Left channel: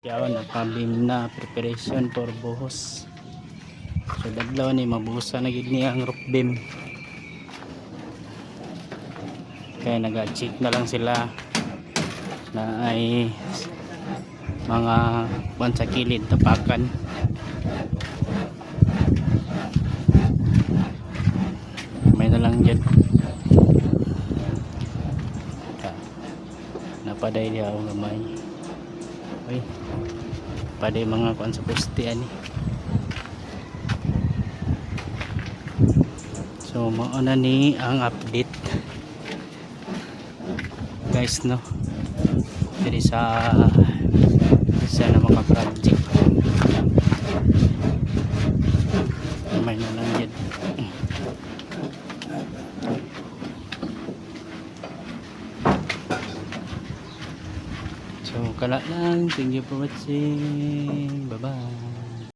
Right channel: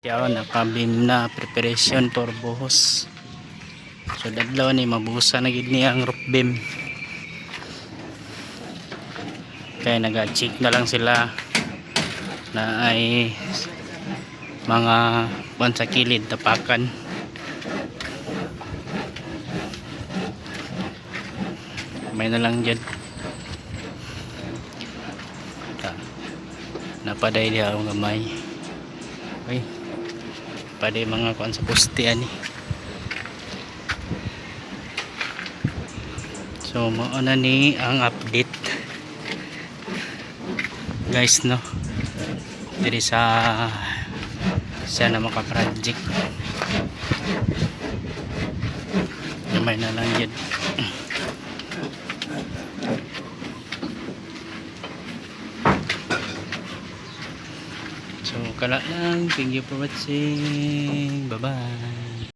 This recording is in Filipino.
Yaw nakabim na preparation for buhos. So dadlaw ni mabuhusan na gid ni ang roof beam. Kaya naga-check na lang sila na ay mga buwan sa kilid tapakan. May na lang dyan. Napaday diha ang gamay. Okay. Paday mga kuan sa poste ani. So mao na ni ang update guys, no, diri sa na maka project gamay na lang yun. So kala lang, thank you for watching, bye bye.